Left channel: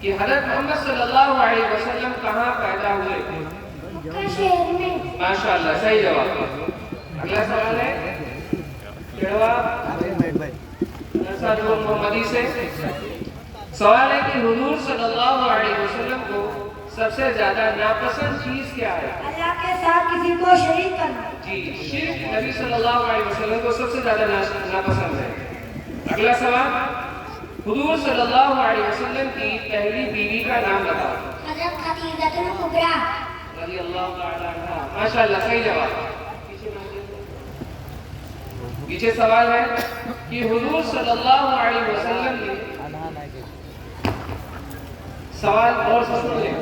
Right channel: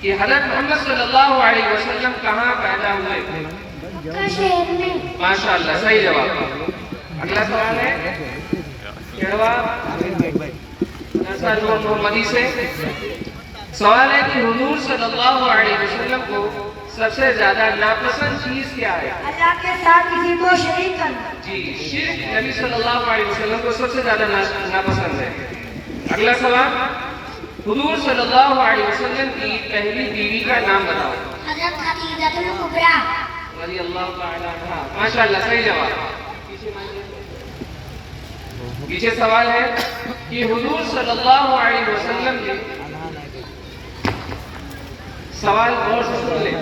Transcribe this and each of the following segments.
کہ حضرت محمد صلی اللہ علیہ وسلم کہاں پیدا ہوئے؟ مکہ شہر میں۔ ماشاءاللہ، صحیح جواب۔ اگلا سوال ہے محمدی سے سوال ہے کہ حضور صلی اللہ علیہ وسلم کو سب سے زیادہ ناپسند چیز کیا ہے؟ اللہ کے ساتھ کسی کو شریک کرنا۔ جی، شرک نبی صلی اللہ علیہ وسلم کو سب سے زیادہ ناپسند ہے۔ اگلا سوال، حضور صلی اللہ علیہ وسلم کی پہلی بیوی کا نام بتاؤ۔ حضرت خدیجہ کبریٰ رضی اللہ تعالی عنہا۔ ماشاءاللہ، صحیح جواب۔ پیچھے سوال ہے کہ حضور صلی اللہ علیہ وسلم نے سوال اور سن لیں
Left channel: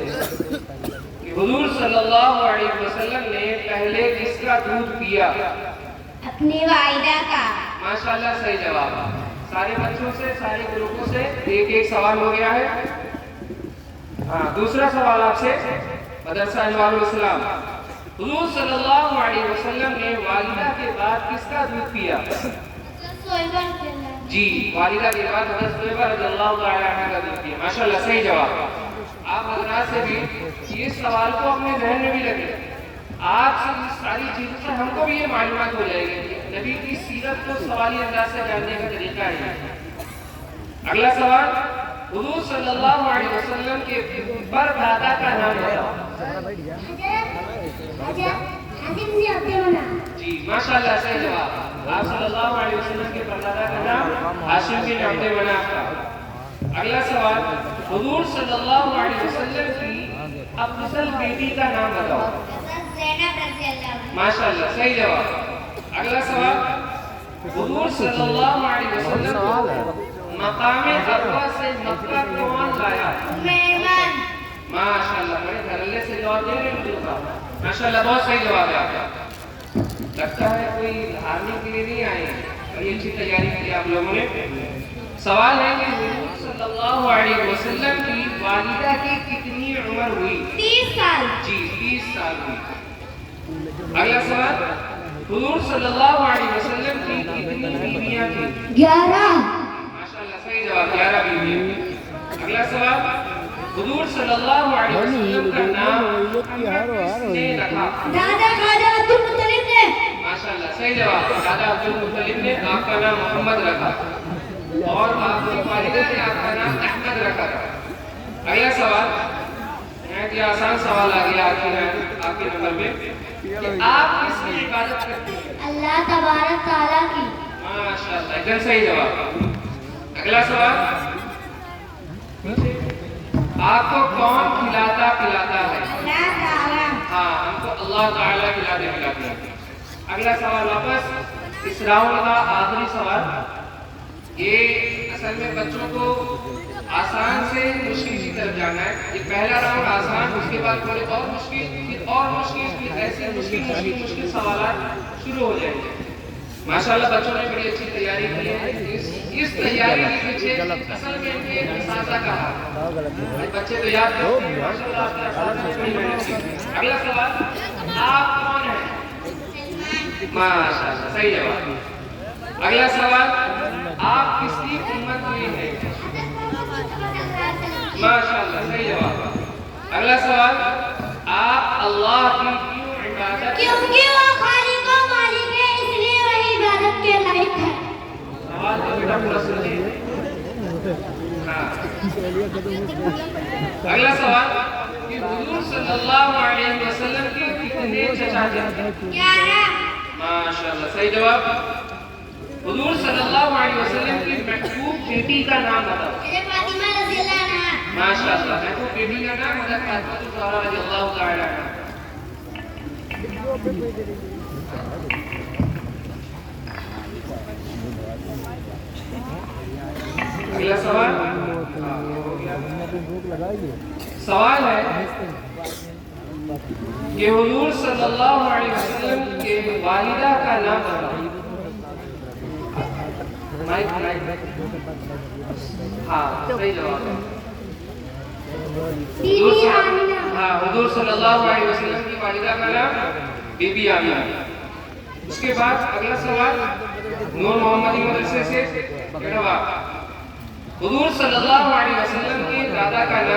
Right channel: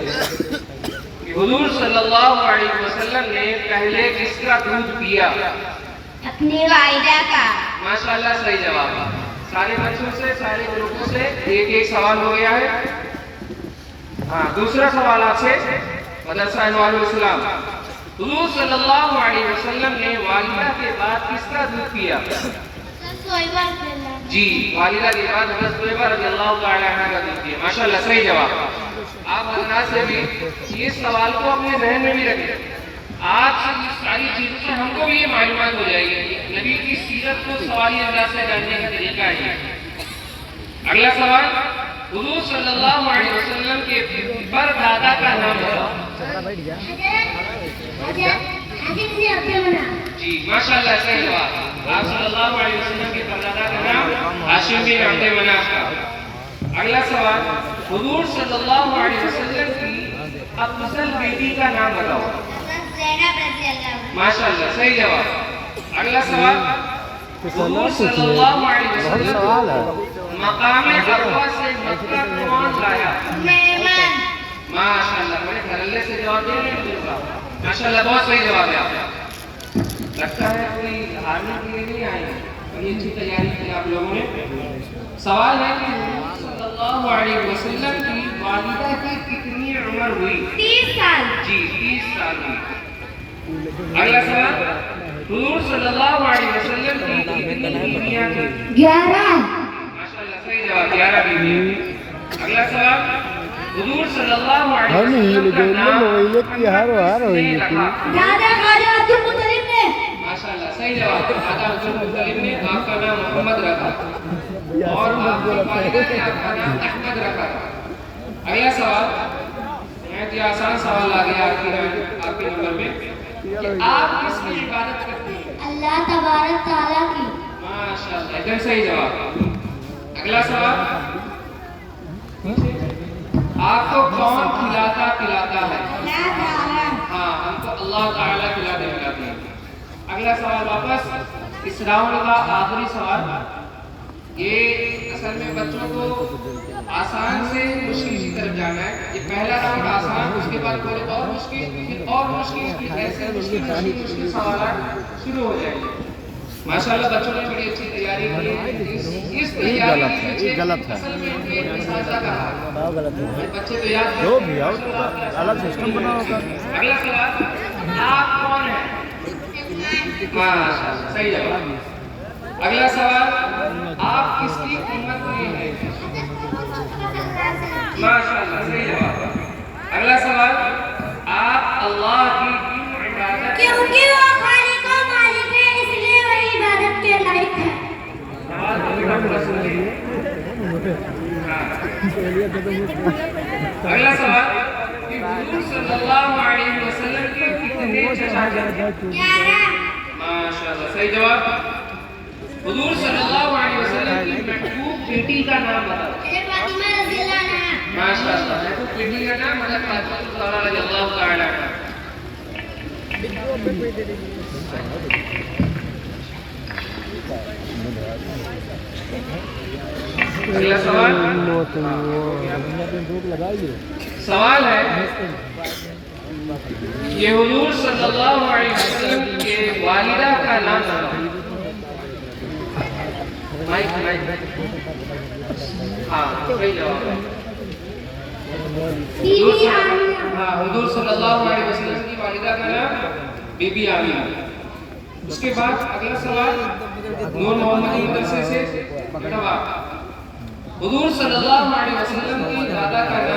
کہ حضور صلی اللہ علیہ وسلم نے پہلے کس کا دودھ پیا؟ اپنی والدہ کا۔ ماشاءاللہ، صحیح جواب۔ سارے بچوں سے، سارے گروپوں سے ایک سوال ہو گیا ہے۔ ہاں، دوسرا سوال آپ سے، مدرسہ انوار الاسلام، حضور صلی اللہ علیہ وسلم نے والدہ کے بعد کس کا دودھ پیا؟ جی، والدہ کے بعد حضرت صہیبہ رضی اللہ تعالی عنہ کا دودھ پیا۔ ماشاءاللہ، صحیح جواب۔ آپ حضرات سے بھی یہ سوال کو اپنے ذہن میں بھی رکھیں۔ آج سے اس ساری چیزوں سے ہم کو بھی یہ معلومات ہو جائے گی۔ نبی کی سیرت کو سوالی انداز سے جاننے کا طریقہ ہے۔ اگلا سوال، حضور صلی اللہ علیہ وسلم کے پردادا کا نام بتاؤ۔ جی، ماشاءاللہ، صحیح جواب۔ آپ صلی اللہ علیہ وسلم کے پردادا کا نام ہاشم بن عبد مناف کا۔ اگلا سوال، حضور صلی اللہ علیہ وسلم کی افضل بیٹی کا نام بتاؤ۔ ماشاءاللہ، صحیح جواب۔ اگلا سوال، حضور صلی اللہ علیہ وسلم کو مقام عرفہ سے مکہ کون لایا؟ ماشاءاللہ، بڑے دھڑلے سے جواب دے رہے ہیں۔ ماشاءاللہ، بہت صحیح جواب ہے آپ کا۔ لگتا ہے کوئی ہارنے کے لیے نہیں آئے ہیں، بڑی اچھی تیاری کی آپ لوگوں نے۔ سوال ہے کہ حضور صلی اللہ علیہ وسلم کی والدہ کی کتنی عمر ہوئی؟ 30 سال۔ جی، 30 سال ہوئی۔ اگلا سوال، حضور صلی اللہ علیہ وسلم کی کتنی بیویاں تھیں؟ 11۔ ماشاءاللہ، صحیح جواب، 11 بیویاں۔ اگلا سوال، حضور صلی اللہ علیہ وسلم کا نام کس نے رکھا؟ دادا خواجہ عبد المطلب نے۔ ماشاءاللہ، صحیح جواب۔ دادا عبد المطلب نے آپ کا نام محمد رکھا اور آپ کی والدہ نے آپ کا نام احمد رکھا تھا۔ اگلا سوال، یہ آسان سوال آ گیا آپ کے نمبر میں کہ آپ کس کی عبادت کرتے ہیں؟ اللہ تبارک تعالیٰ کی۔ ماشاءاللہ، ایک دم صحیح جواب۔ اگلا سوال، آپ کو کون کھلاتا پلاتا ہے؟ اللہ تعالیٰ۔ ہاں، ہم کو اللہ تعالیٰ کھلاتے پلاتے ہیں۔ اگلا سوال واپس اس راؤنڈ کا آخری سوال، یہ اصل میں بچوں کو آسان سے مشکل کی طرف جانا ہے۔ یہ پہلا راؤنڈ آسان، اس کے بعد تھوڑے اور مشکل، پھر اور مشکل، ایسے مشکل سوالات شروع ہو جائیں گے۔ ماشاءاللہ، بچوں نے بڑی اچھی تیاری کی ہے۔ اس تیاری کے پیچھے اصل میں ایک مسئلہ کہا ہے، بچے تو یاد کریں۔ اگلا سوال، آپ کون ہیں؟ ماشاءاللہ، صحیح جواب۔ اگلا سوال، آپ کس کی امت میں ہیں؟ ماشاءاللہ، صحیح جواب۔ اگلا سوال، آپ اللہ کی کیوں عبادت؟ کیونکہ وہ خالق و مالک ہے، اس لیے وہ عبادت کے لائق ہے۔ سوال کا پورا سنیے۔ اگلا سوال، کہ حضور صلی اللہ علیہ وسلم کے کتنے چچا جان ہیں؟ 11۔ ماشاءاللہ، صحیح جواب۔ حضور صلی اللہ علیہ وسلم کی محبوب بیٹی کا نام بتاؤ۔ حضرت فاطمہ رضی اللہ عنہا۔ ماشاءاللہ، محبوب بیٹی کا نام حضرت فاطمہ الزہرا رضی اللہ تعالی عنہا۔ اگلا سوال، سوال ہے کہ حضور صلی اللہ علیہ وسلم کے والدہ کا نام بتاؤ۔ ہاں، صحیح جواب۔ حضور صلی اللہ علیہ وسلم کی والدہ کا نام بی بی آمینہ۔ اس کے بعد اگلا سوال نور محمدی مدرسے سے، حضور صلی اللہ علیہ وسلم کے دادا کا نام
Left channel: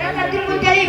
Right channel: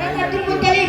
حضرت عبد المطلب.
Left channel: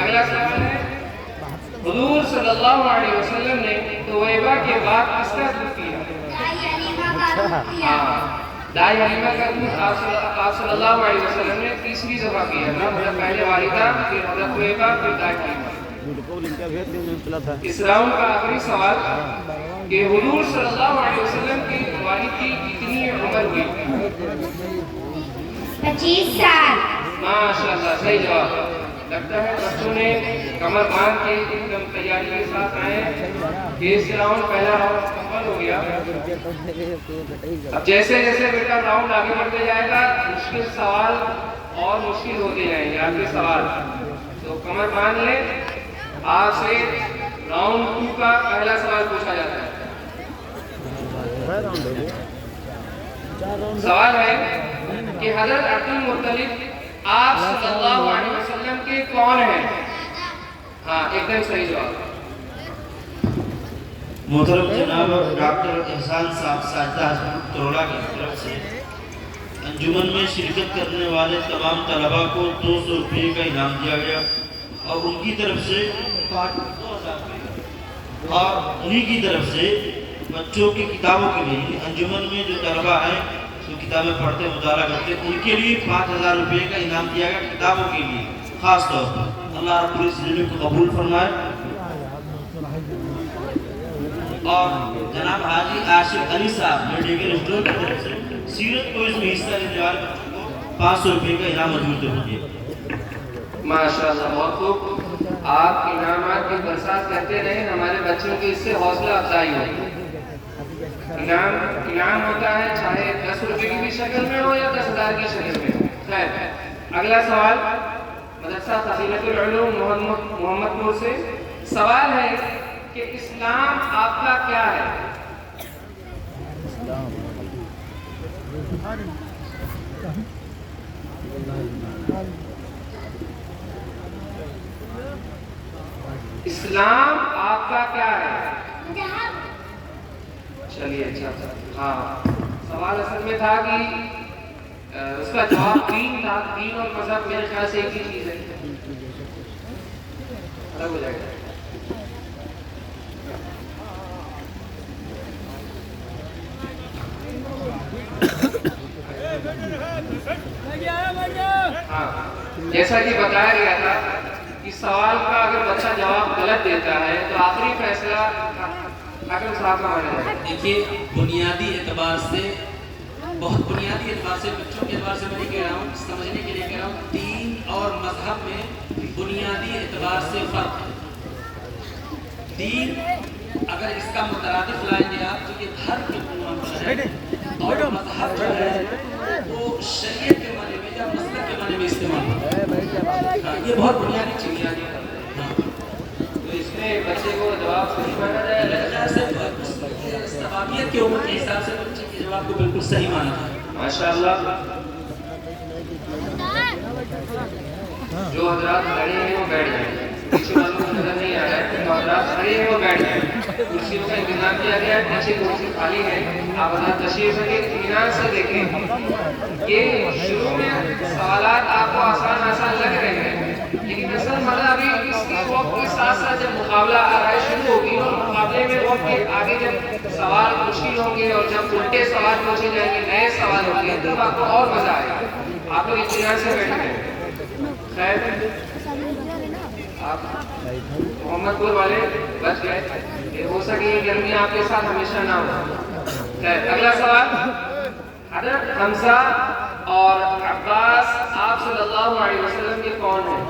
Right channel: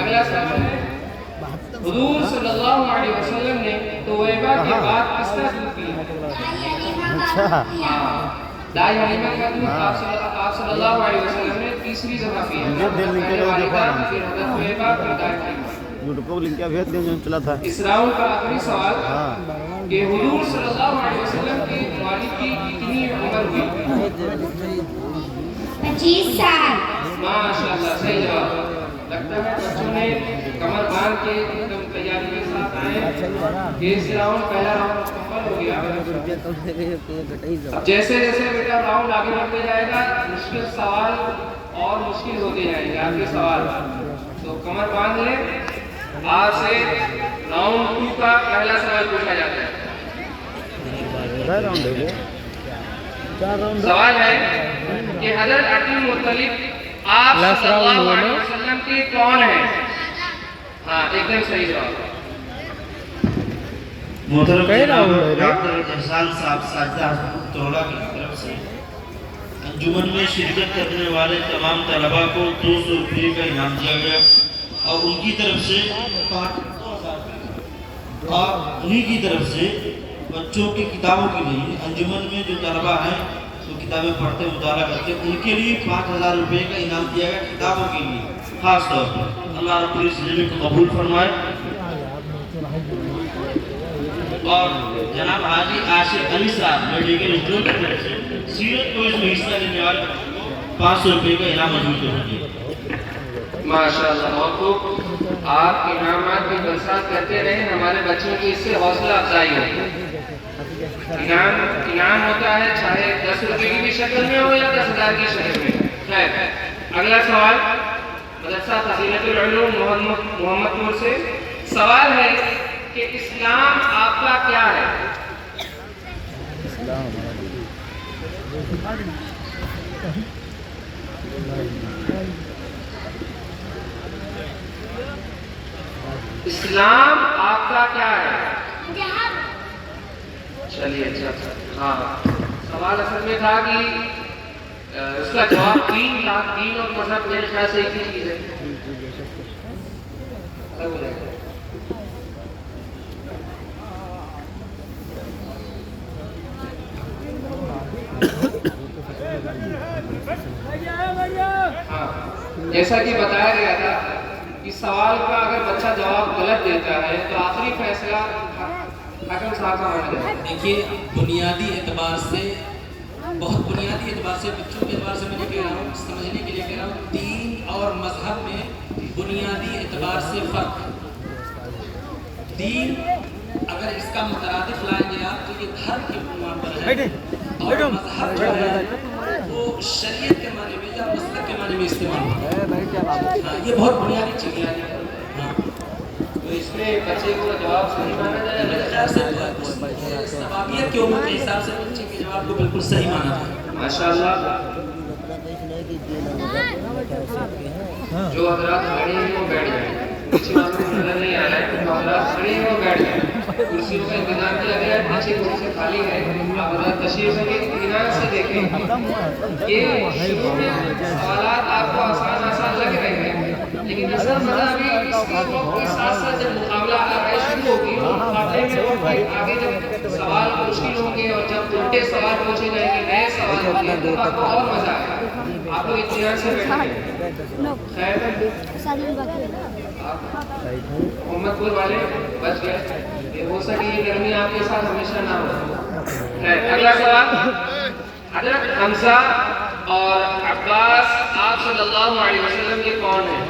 اگلا سوال ہے حضور صلی اللہ علیہ وسلم نے تویبہ کے بعد کس کا دودھ پیا؟ دائی حلیمہ کا دودھ پیا. دائی حلیمہ کا دودھ آپ صلی اللہ علیہ وسلم نے تیسری دفعہ پیا. پہلے والدہ پھر حضرت تویبہ پھر دائی حلیمہ. اس راؤنڈ کا آخری سوال کہ حضور صلی اللہ علیہ وسلم کی والد کی کتنی عمر ہوئی؟ 25 سال. ماشاءاللہ صحیح جواب. لگتا ہے بچوں نے کمر باندھ کے ایک دم تیاری کے ساتھ آئے. اس راؤنڈ پہلا راؤنڈ مکمل ہو گیا. اب جیسے جیسے بیٹا راؤنڈ آگے بڑھتے جائے گا مشکل سوال اور مشکل ہوتے جائیں گے آپ کے سوال. تو کمر باندھ لیں. آج سے راؤنڈ 2 کا پہلا سوال پوچھا جاتا ہے. سوال ہے کہ حضرت عبد المطلب آپ صلی اللہ علیہ وسلم کے کون ہیں؟ ہاں ایک دم صحیح جواب. محترم جناب ڈاکٹر احسان صاحب ساجدہ توڑا کی طرف سے انجمن میں شرکت کرنے والے تمام طلباء کو 200 روپے کا انعام دیا گیا اور ان کی طرف سے انہی کی طرف سے بچوں کی کتابوں کے لیے انجمن میں جو طلباء ہیں جو کتابیں پڑھتے مطالعہ کرتے ان کے لیے 5000 روپے کا انعام دیا گیا کتابوں کے لیے خاص طور پر. اللہ رب العزت کو قبول فرمائے. اور جناب حاجی عاشق علی صاحب میڈیکل اسٹور کی طرف سے سیرت کو اس میں حصہ لینے والے بچوں کو 500 روپے کا انعام موجود ہے. ماشاءاللہ بہت خوب. آپ انعامات کی برسات کرتے رہیں. ہمارے بچوں کی اس سے حوصلہ افزائی ہوتی. انعام ہوتا ہے چاہے 10 روپے کی بھی شکل میں ہو یا 10,000 کی شکل میں. خیر اگلا سوال مدرسہ فضیلت العلوم محمد پور سے. سوال ہے کہ اسلام آپ کا کیا ہے؟ اسلام آپ کا کیا ہے؟ چلیے اچھا. ہاں سوال اصل میں تھا کہ اس کا جواب دین تھا. دین اور مذہب میرے خیال سے ایک ہی چیز ہے. ہاں جیسا کہ بتایا گیا تھا اس سوال کا اگر بچہ جواب غلط دیتا ہے تو آخری فیصلہ حکم صاحب کا ہونا ہے. دیکھیے بنیادی اعتبار سے بہت بنیادی اعتبار سے بچوں کے اعتبار سے میں کہہ رہا ہوں سمجھنے کے لیے کہہ رہا ہوں دین اور مذہب میں بنیادی اعتبار سے فرق ہے. دین اگر اس کا مترادف لائیں گے آپ تو یہ گھر کے عنوان پر ہے اور مذہب جو ہے وہ شریعت کے معنی میں یا مسلک کے معنی میں استعمال ہوتا ہے. یہ بہت بنیادی چیز ہے. تو اس میں بچے کو جواب صحیح مانا جائے. میرے خیال سے ثوابیت کی عمر کے حساب سے بچے کے جواب کو بالکل صحیح مانا جائے. ماشاءاللہ. جو حضرات کھڑے ہیں وہ بیٹھ جائیں. پیچھے والوں کو نظر نہیں آ رہا ہے. جو حضرات کھڑے ہیں وہ بیٹھ جائیں. کرسیوں کا انتظام کیا گیا ہے. پیچھے کرسی خالی ہے. آپ حضرات تشریف سے دیکھ اطمینان سے دیکھیں کہ شروع میں سوالات آپ کو آسان آسان لگ رہے ہیں لیکن اصل مزہ بھی اس کے وقت کے ساتھ ساتھ جب مقابلہ آرائی شروع ہوگی اور مقابلے میں وقت آگے جب سوال مشکل ہوں گے اور جب الٹے سوال پوچھے جائیں گے نئے سوال ہوں گے تو آپ کو اور مزہ آئے گا. آپ لوگ اطمینان سے بیٹھیں. خیر آپ محمد پور والے بچ گئے. ہو سکے گرمی آپ کے ساتھ ہمیشہ نہ ہو. خیر اگلا سوال حضرت حمزہ اور عباس آپ صلی اللہ علیہ وسلم کے کون ہیں؟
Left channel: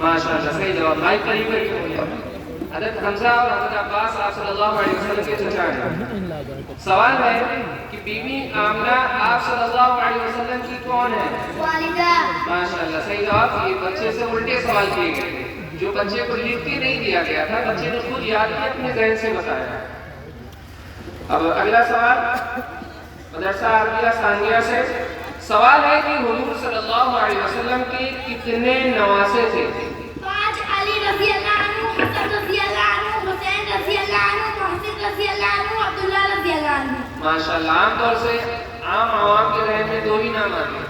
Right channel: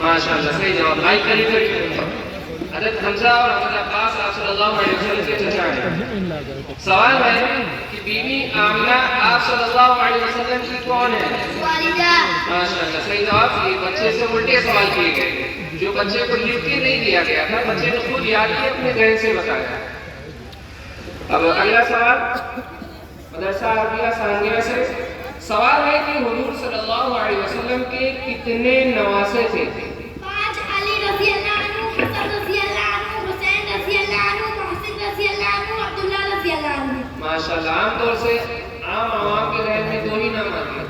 ماشاءاللہ صحیح جواب. لائک کریے. حضرت حمزہ اور حضرت عباس آپ صلی اللہ علیہ وسلم کے چچا ہیں. سوال ہے کہ بیوی آمنہ آپ صلی اللہ علیہ وسلم کی کون ہے؟ والدہ. ماشاءاللہ صحیح جواب. یہ بچے سے الٹے سوال کیے گئے. جو بچے کو لکھ کے نہیں دیا گیا تھا بچے کو خود یاد کے اپنے ذہن سے بتایا. اب اگلا سوال مدرسہ عربیہ ثانیہ سے. سوال ہے کہ حضور صلی اللہ علیہ وسلم کے کتنے نواسے تھے؟ 5. علی رضی اللہ عنہ، حسن رضی اللہ عنہ، حسین رضی اللہ عنہ، محسن رضی اللہ عنہ، عبداللہ رضی اللہ عنہ. ماشاءاللہ. عام طور سے عام عوام کے ذہن میں 2 ہی نام آتے ہیں.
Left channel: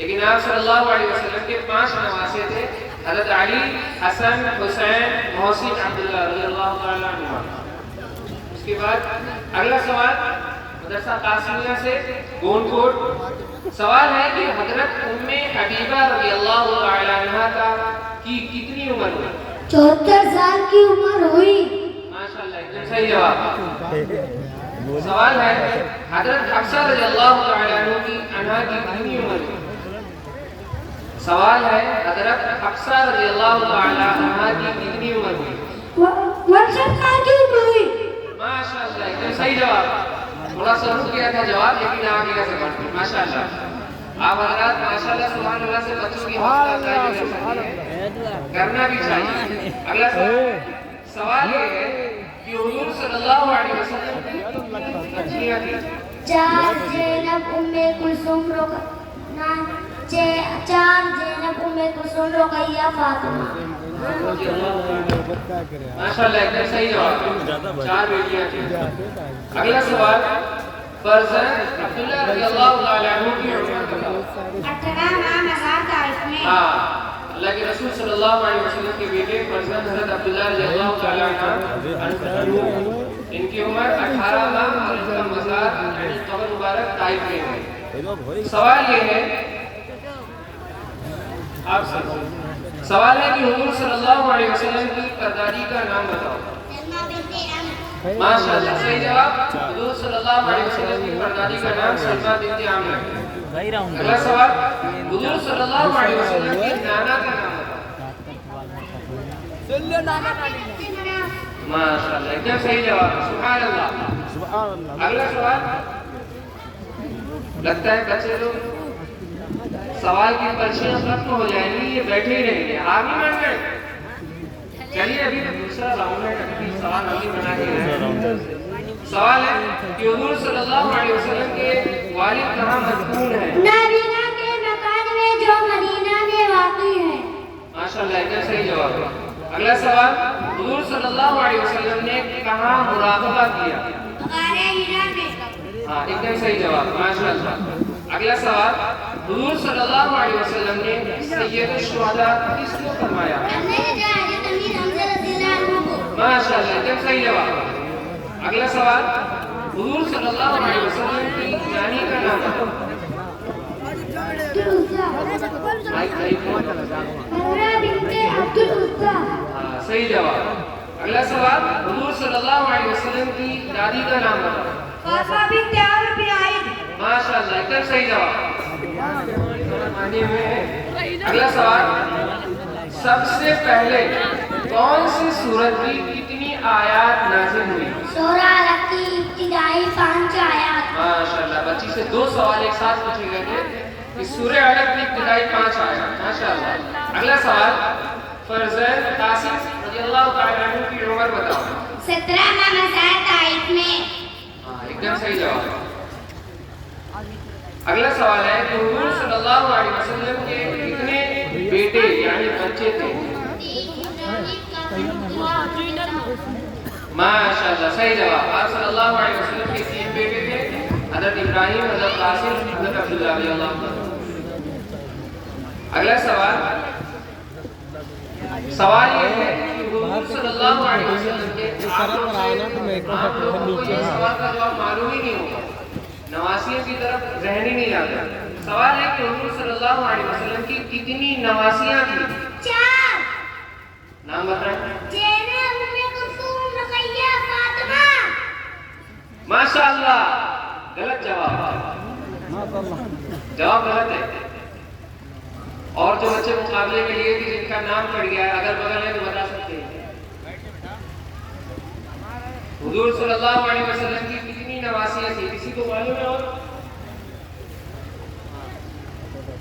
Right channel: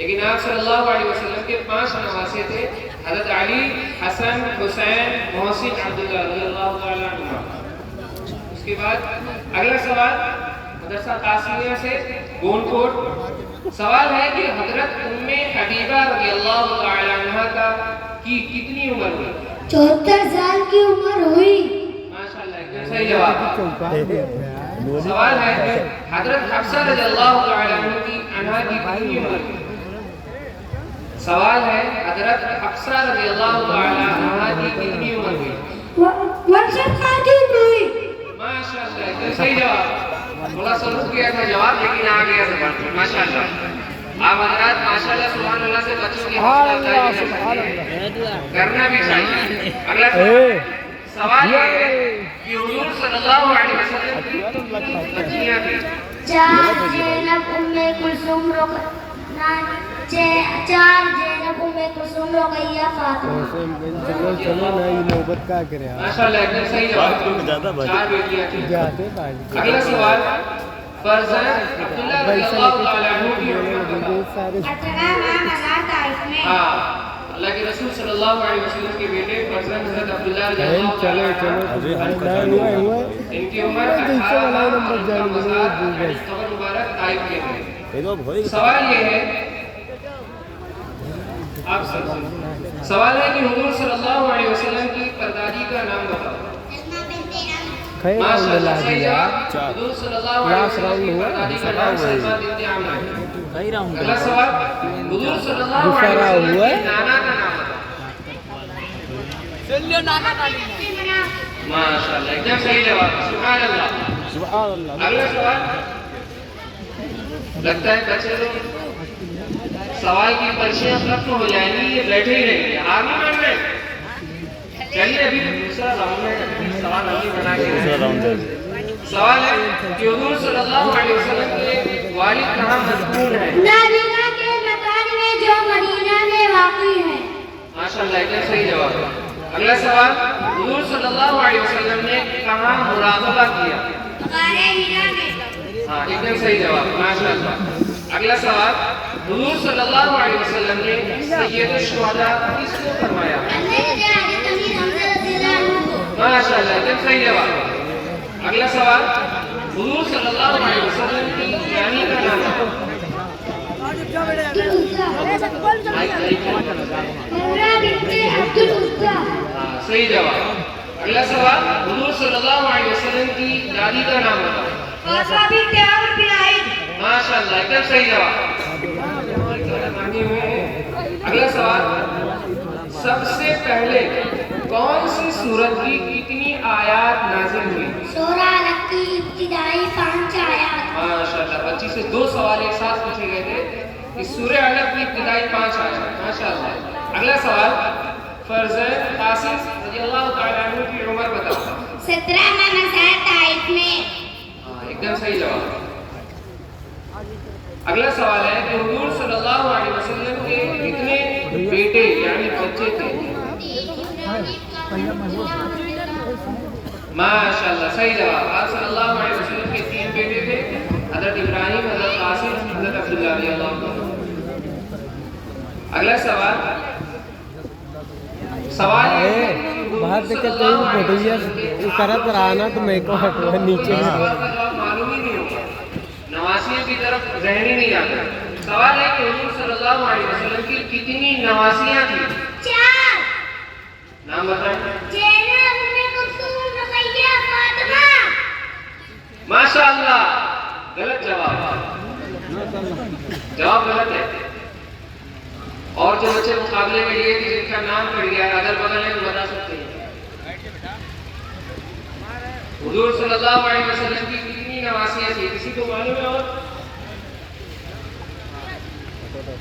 لیکن آپ صلی اللہ علیہ وسلم کے 5 نواسے تھے، حضرت علی، حسن، حسین، محسن، عبداللہ رضی اللہ تعالیٰ عنہ۔ اس کے بعد اگلا سوال مدرسہ قاسمیہ سے گون کوٹ، سوال ہے کہ حضرت ام حبیبہ رضی اللہ تعالیٰ عنہ کی کتنی عمر ہوئی؟ 74 سال کی عمر ہوئی۔ ماشاءاللہ، ایک صحیح جواب۔ سوال ہے کہ حضرت حفصہ رضی اللہ تعالیٰ عنہ کی کتنی عمر ہوئی؟ سوال ہے حضرت حفصہ رضی اللہ تعالیٰ عنہ کی کتنی عمر ہوئی؟ 61 سال کی عمر ہوئی۔ ماشاءاللہ، ایک صحیح جواب۔ تھوڑا سا رک گیا تھا جواب، لیکن آ گیا زبان۔ ماشاءاللہ، آپ حضرات ماشاءاللہ سبحان اللہ سے بچوں کی حوصلہ افزائی بھی کر سکتے ہیں، کرنا بھی چاہیے۔ اگلا سوال یہ ہے کہ حضور صلی اللہ علیہ وسلم کی کتنی بچیاں تھیں؟ 4 زینب، ام کلثوم، چار زینب، ام کلثوم، رقیہ، فاطمہ۔ ماشاءاللہ، ایک دم صحیح جواب، 4 بیٹیاں تھیں۔ اگلا سوال فرزند عبداللہ رضی اللہ تعالیٰ عنہ کی عمر بتاؤ۔ 18 ماہ مزار طائف میں۔ اللہ کے رسول صلی اللہ علیہ وسلم کے بیٹے فرزند حضرت عبداللہ رضی اللہ تعالیٰ عنہ، ان کی عمر 18 ماہ مزار قبر مبارک طائف میں ہے۔ سوال یہ ہے آپ سے، سوال ہے کہ حضور صلی اللہ علیہ وسلم کی پردادی کا نام بتاؤ۔ ماشاءاللہ، صحیح جواب۔ حضور صلی اللہ علیہ وسلم کی پردادی کا نام سلمہ بنت عامر ہے۔ اگلا سوال، حضور صلی اللہ علیہ وسلم کے نانا کا نام بتاؤ۔ ماشاءاللہ، ایک دم صحیح جواب، سبحان اللہ۔ اگلا سوال، لگتا ہے بچے لوگ سوال کی پرچیاں ختم ہو جائیں گی، یہ بیٹھے ہی رہیں گے، آگے بڑھ گئے۔ چلیے ابھی دوسرا راؤنڈ ہے، سوال ابھی بنا کے سوال ہے کہ حضور صلی اللہ علیہ وسلم کے والد کہاں مدفون ہیں؟ نابینا کے مکان میں جو مدینہ میں واقع ہے۔ ماشاءاللہ، ایک دم صحیح جواب۔ اگلا سوال، حضور صلی اللہ علیہ وسلم نے کہاں مراقبہ کیا؟ غار حرا میں۔ ہاں، ایک دم صحیح جواب، ماشاءاللہ۔ اگلا سوال، حضور صلی اللہ علیہ وسلم نے سید الشہداء کس کو فرمایا؟ ماشاءاللہ، ایک دم صحیح جواب۔ اگلا سوال، حضور صلی اللہ علیہ وسلم کی نانی کا نام ہے؟ صحیح جواب۔ اگلا سوال، حضور صلی اللہ علیہ وسلم کی دادی کا نام ہے؟ ماشاءاللہ، ایک دم صحیح جواب۔ اگلا سوال، سب سے پہلے کون سی سورت کی کتنی آیات نازل ہوئی؟ سورہ علق کی ابتدائی 5 آیات۔ ماشاءاللہ، بچی سے 2 سوال ایک ساتھ پوچھے گئے تھے کہ سورہ علق کی ابتدائی 5 آیات۔ ماشاءاللہ۔ اگلا سوال، فرزند قاسم رضی اللہ تعالیٰ عنہ کی عمر بتاؤ۔ 17 ماہ مزار طائف میں۔ ایک دم صحیح جواب۔ اگلا سوال ہے کہ حضور صلی اللہ علیہ وسلم کے کتنے بیٹے یعنی بچے تھے؟ ماشاءاللہ، صحیح جواب۔ آپ صلی اللہ علیہ وسلم کے 3 بیٹے تھے، حضرت ابراہیم، حضرت قاسم، حضرت عبداللہ رضی اللہ عنہ۔ اگلا سوال یہ ہے کہ حضور صلی اللہ علیہ وسلم کے سوال کا جواب معلوم ہی نہیں ہوگا، نواسیوں کی طرف ذہن ہی نہیں آتا۔ سوال ہے کہ حضور صلی اللہ علیہ وسلم کی کتنی نواسیاں تھیں؟ 4۔ نام بتائیں۔ زینب، ام کلثوم، رقیہ، فاطمہ۔ ماشاءاللہ، غلط جواب، جواب غلط ہے۔ اور جو بچے مقابلے کے لیے جن کا نام پڑ گیا ہے اگر بدل ہے تو بتا سکتے ہیں۔ حضور صلی اللہ علیہ وسلم کی کتنی نواسیاں تھیں؟ کسی کو معلوم ہے؟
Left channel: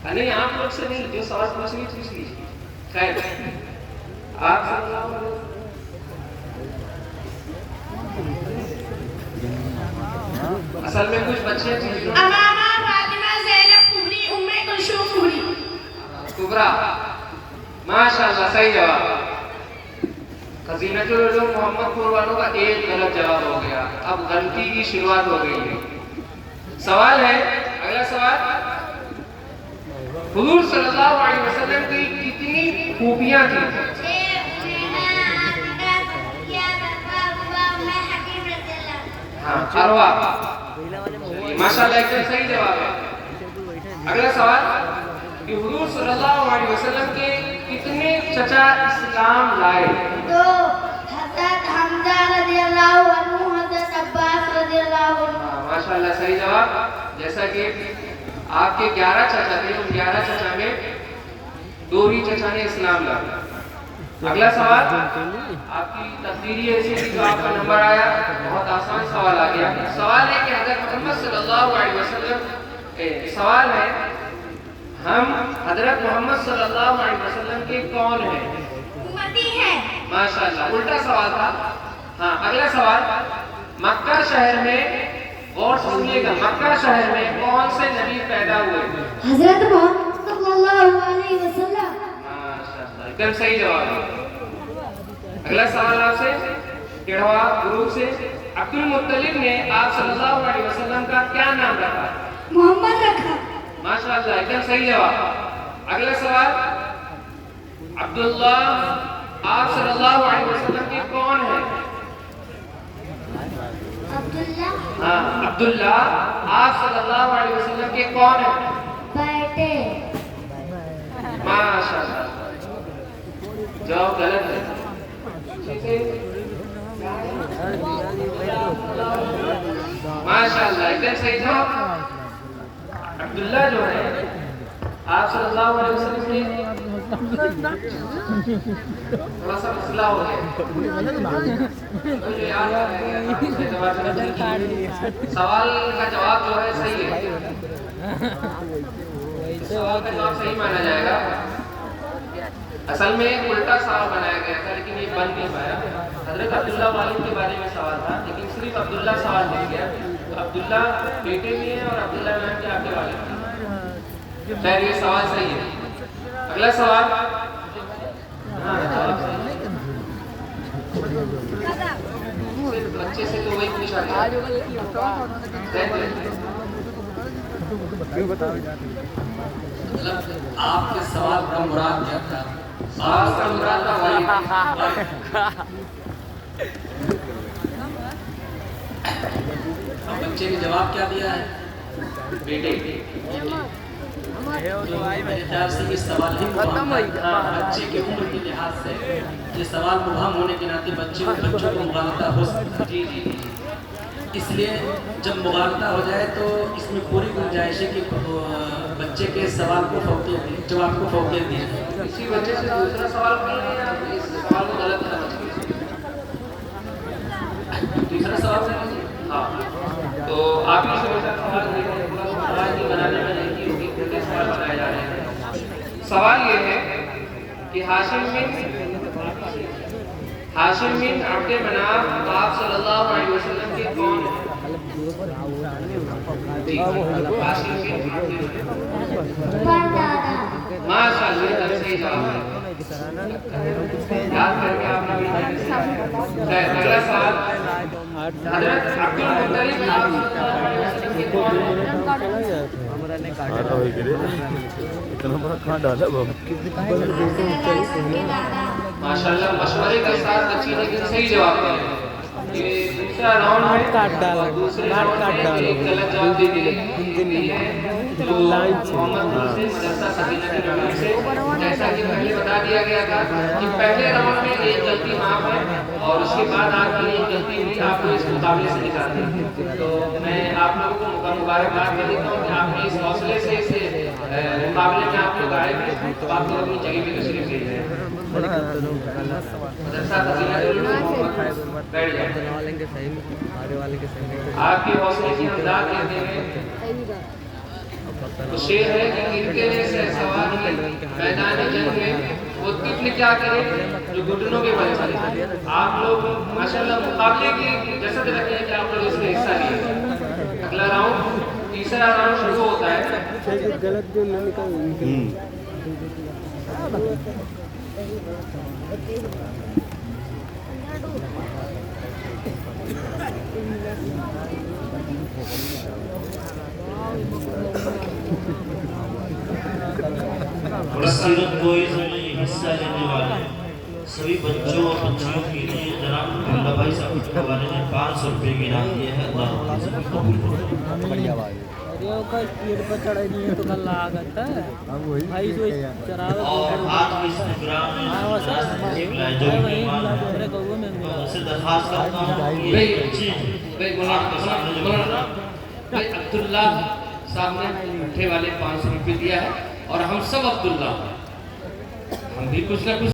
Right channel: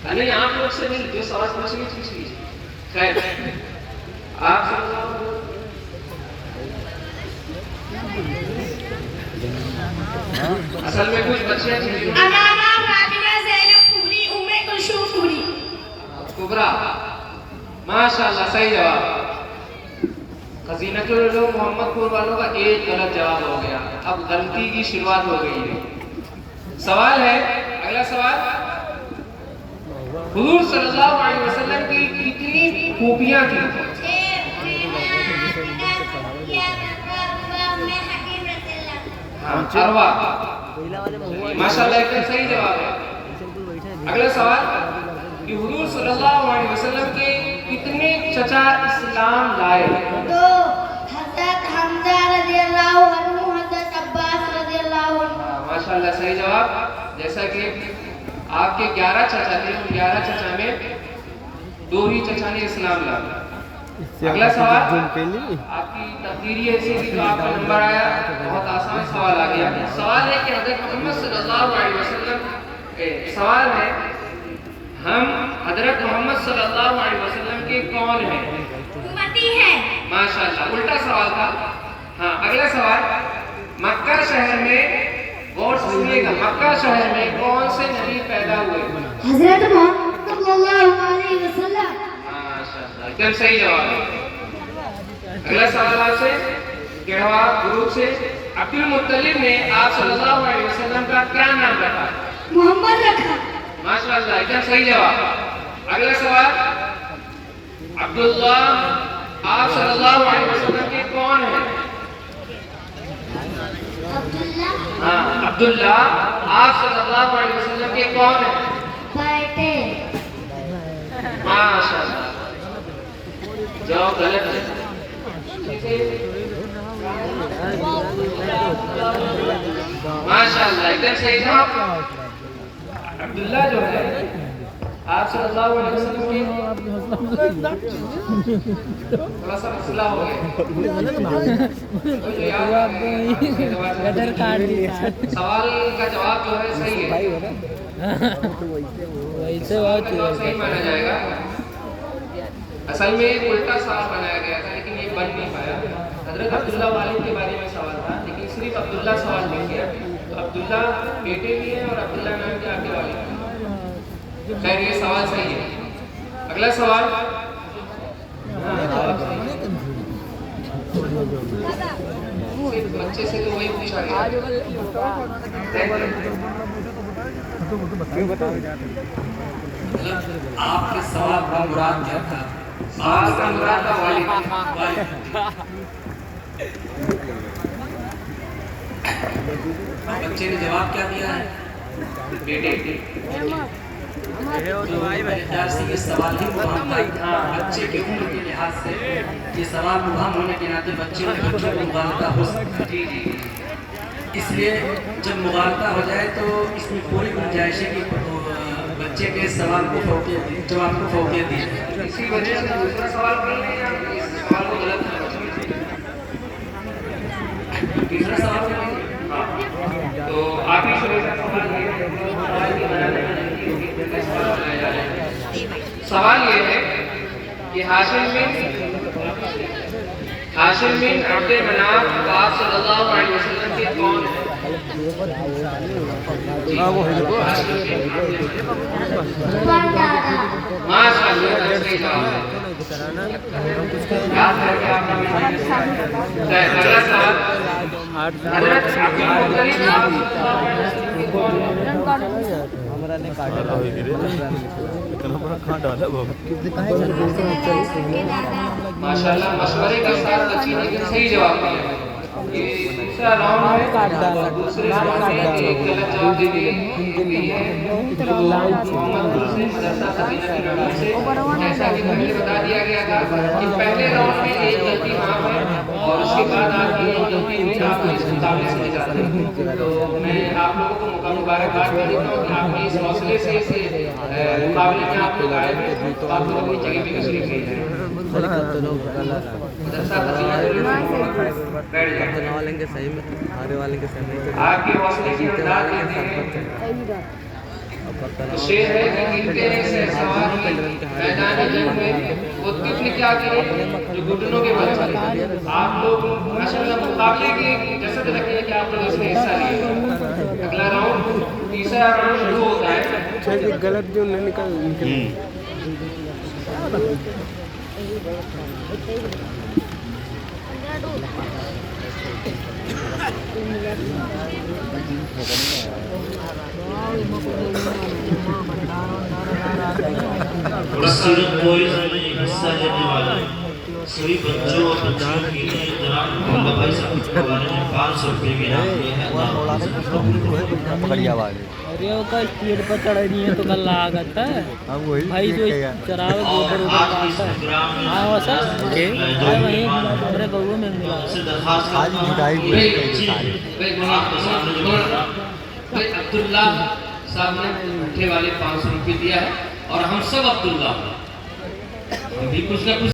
اور نہیں، آپ لوگ سے نہیں، جو سوال پوچھنی پوچھ لیجیے۔ خیر، آپ صلی اللہ علیہ وسلم اصل میں کچھ بچے تھے جو امامہ، فاطمہ، زینب کبری، ام کلثوم کبری۔ کبرا، ماشاءاللہ، صحیح جواب۔ خزینۃ العلوم محمد پور والوں کا ایک غلط جواب ہو گیا، اب غلطی کی شروعات ہو گئی ہے۔ سوال ہے، اگلا سوال، حضور صلی اللہ علیہ وسلم کی کتنی خوبیاں تھیں؟ اروا، ماشاء اللہ ایک صحیح جواب ہے۔ اگلا سوال کہ حضور صلی اللہ علیہ وسلم کے کتنے چچا اسلام لائے؟ تو حضرت حمزہ رضی اللہ عنہ، حضرت عباس رضی اللہ عنہ۔ ماشاء اللہ صحیح جواب۔ جیسا کہ آپ کے 11 چچا تھے، ان 11 چچا میں 2 ہی چچا نے اسلام لایا۔ اگلا سوال آپ کی تقدیری حیثیت جو آپ کا نمبر آیا، بہت آسان سوال آ گیا۔ سوال ہے کہ حضرت محمد صلی اللہ علیہ وسلم، سوال ہے ہم حضرت محمد صلی اللہ علیہ وسلم کے کون ہیں؟ امتی ہیں۔ ماشاء اللہ، الٹا سوال تھا۔ ہاں، اگلا سوال، مکہ شہر میں، غور سے سنیے گا، مکہ شہر میں کون سے نبی پیدا ہوئے؟ حضرت محمد صلی اللہ علیہ وسلم۔ ماشاء اللہ، ایک دم صحیح جواب ہے۔ اگلا سوال آپ سے کہوا گروپ سے، عبد المطلب نے آپ صلی اللہ علیہ وسلم کا کیا نام رکھا؟ محمد رکھا۔ ماشاء اللہ، ایک دم صحیح جواب۔ اگلا سوال، عبداللہ آپ صلی اللہ علیہ وسلم کے کون ہیں؟ عبداللہ ہاں، عبداللہ آپ صلی اللہ علیہ وسلم کے کون ہیں؟ بیٹے۔ ماشاء اللہ، جواب غلط ہے۔ ماشاء اللہ، ایک دم صحیح جواب۔ عبداللہ جو ہے آپ صلی اللہ علیہ وسلم کے، تھوڑا سا مسئلہ ہو گیا، سوال کا جواب جو ہے صحیح ہے، سوال کا جواب صحیح مانا جائے گا۔ اصل میں الٹا سوال بنایا گیا تھا لیکن یہ بن نہیں پایا۔ حضرت عبداللہ والد کے بارے میں سوال تھا لیکن صرف عبداللہ سوال نہیں گیا، تو عبداللہ بیٹے بھی ہیں اور عبداللہ نام کے آگے والد ہیں۔ خیر، یہ سوال صحیح ہے۔ اگلا سوال، صرف بچے سے تو وہی پوچھا گیا۔ آپ کے سوال کا مراد کیا تھا؟ سوال کا مراد تھا والد۔ بچے نے جواب کیا دیا ہے؟ بیٹے۔ میرے خیال سے یہ سوال ہی مبہم ہے۔ بچے کے عمر کے لحاظ سے یہ سوال مبہم ہونے کے ناطے بچوں کو مغالطہ ہو سکتی ہے، اس لیے جب مغالطہ ہو جائے تو اس میں پوری گنجائش ہے کہ بچے کے سوال کو فوقیت دی، جواب کو فوقیت دی۔ اسی وجہ سے دوسرا سوال پڑھ لیں یا اس سوال کو غلط نہ سمجھیں۔ تیسرا سوال پڑھ لیں۔ ہاں، تو آپ ہی شروع کا سوال یہ بنانے میں غلطی ہوگی، پھر سوال بنائے جا رہے ہیں۔ سوال یہ ہے کہ ہاشم بن عبد مناف آپ صلی اللہ علیہ وسلم کے کون ہیں؟ ماشاء اللہ، صحیح جواب ہے۔ یاد کر کے آپ نے اگلا سوال، حضرت عبد المطلب آپ صلی اللہ علیہ وسلم کے کون ہیں؟ ماشاء اللہ، مشورے کے ساتھ بچی نے صحیح جواب دیا۔ یہ دوسرا راؤنڈ ہے، کاٹ ڈالو، دوسرے کاٹ راؤنڈ میں ڈالو، ایک غلط جواب دے دیے۔ لائن سے۔ جیسا کہ پہلے بتا دیا گیا تھا کہ پہلے راؤنڈ میں ایک غلطی معاف ہے اور اس کے بعد آپ کی ایک غلطی ہوئی، آپ کو اس مقابلے سے نکالتے ہیں۔ تو میں آپ لوگوں کو مبارکباد دے دیتا ہوں کہ آپ نے اس حوصلے سے اس مقابلے میں آپ لوگ آئے ہیں، تو آپ لوگ اپنی جگہ پہ تشریف لے جائیں۔ آپ کے حوصلے کی امداد دیتے ہیں۔ شعر ہے کہ گرتے سے سوار کی میدان جنگ میں وہ طفل کیا کرے جو گھٹنوں کے بل چلے۔ آپ لوگ ماشاءاللہ مقابلے کی جسد رکھتے ہیں کہ آپ لوگ اس میں حصہ لیں۔ اگلا راؤنڈ، تیسرا راؤنڈ شروع ہوتا ہے۔ غلط جو نکل Thank you. اور سیرت ٹورزم میں حصہ لینے والے سبھی بچوں اور بچیوں کے لیے جناب عبداللہ بھائی صاحب کے حوالے میں 500 روپے کے انعام دیا ہے. اللہ حافظ. قبول کرو. اور آج اس پروگرام میں جو مہمان سے درخواست کرتا ہوں کہ آپ کے سامنے جو عبداللہ صاحب نے مٹھے والے 500 روپے دیا ہے اور ہم سب عبداللہ ہم بھی کچھ نہ کچھ